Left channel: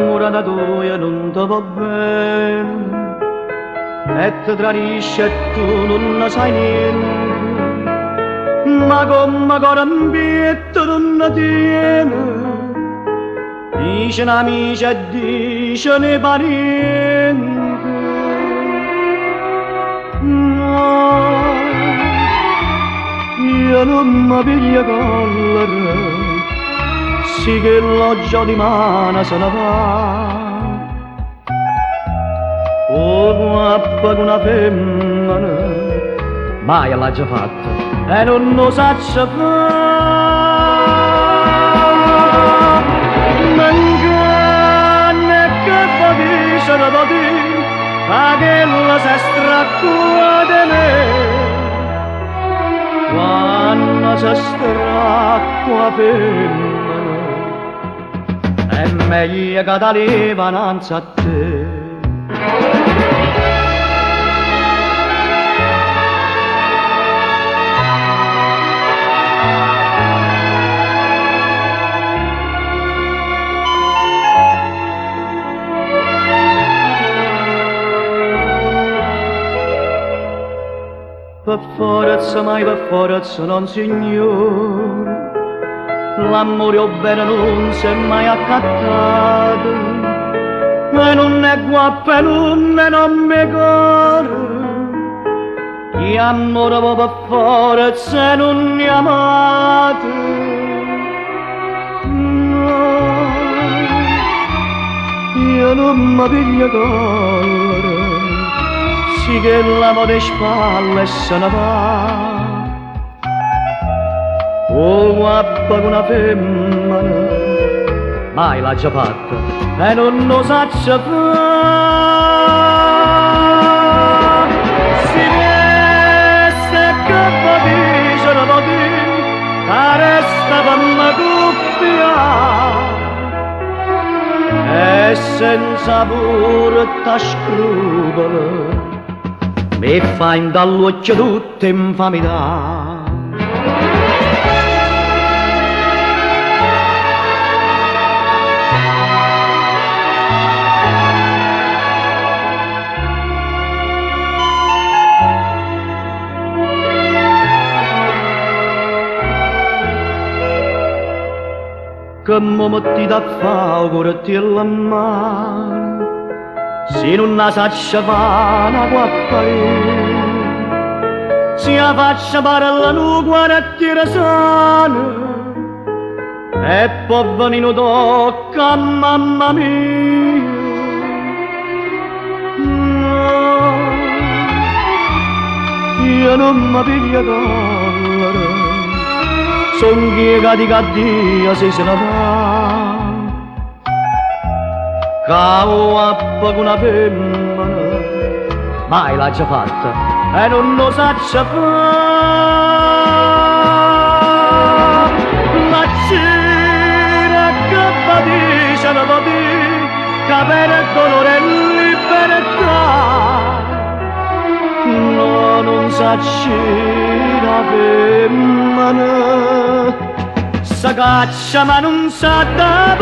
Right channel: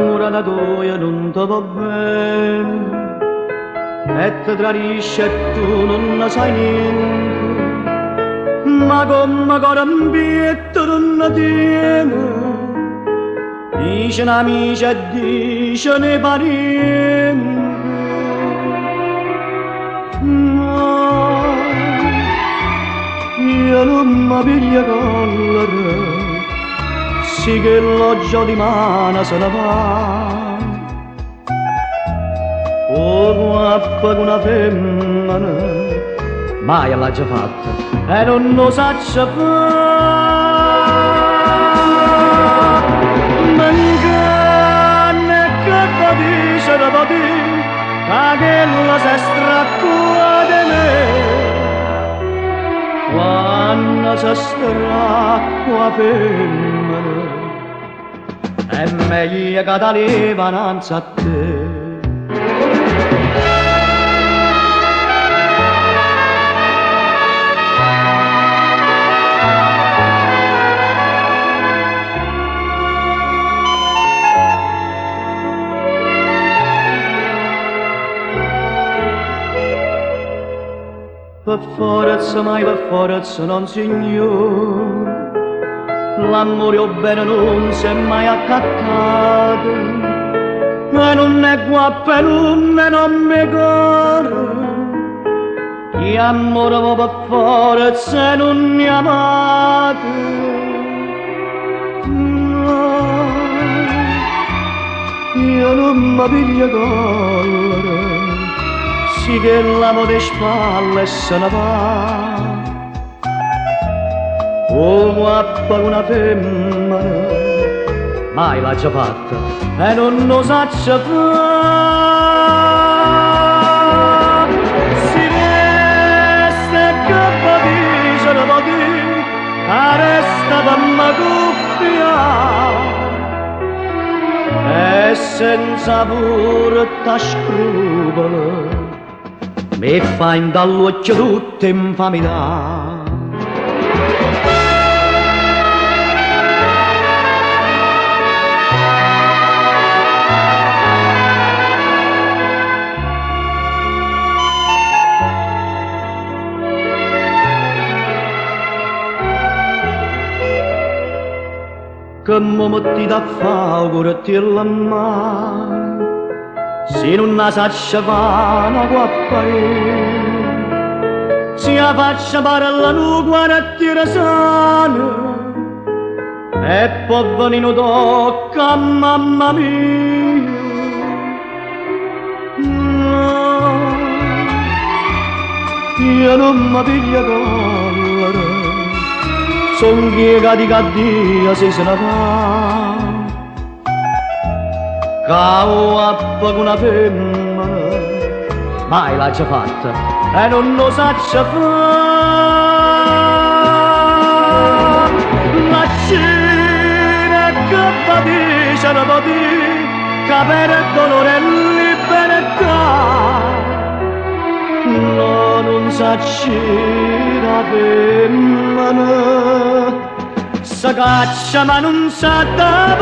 l'amore da due non ti va bene e ti tradisce e tu non ne sai niente, ma come carambietto non ne tiene, dice amici e dice ne parenti. No, io non mi piglio collera, sì che l'oggia di mano se ne va. Oh, guappa con una femmina, mai l'ha già fatto e non lo saccia fare. Mancanne che va dice da patì, che la si stracca di me. Quando si stracca femmina, è meglio che da levananza a te. Per forza, mai per forza, non signor, l'amore o bene non si è mai attaccato, e non è guappa e non è me caro, chi amore va per forza e non è amato. No, io non mi piglio collera, sì che l'amore di spalle se ne va. Oh, guappa con una femmina, mai l'ha già fatto e non lo saccia fare. Si resta che va dice la va dire, che resta per una cuffia e senza pure scrupolo mi fa in dall'occhio tutte infamità. Che mi metti da fare con la mano, se non la saccia fa una guappa se la faccia parla nu guarda sana e poi venire tocca mamma mia. No, io non mi piglio collera, son chiegati che Dio se ne va. Cavo appa con una femmina, mai l'ha già fatta e non lo saccia fare. Ma c'era che va dice la va dire, che per il dolore e libertà no, non s'accira femmina, si caccia ma non sa da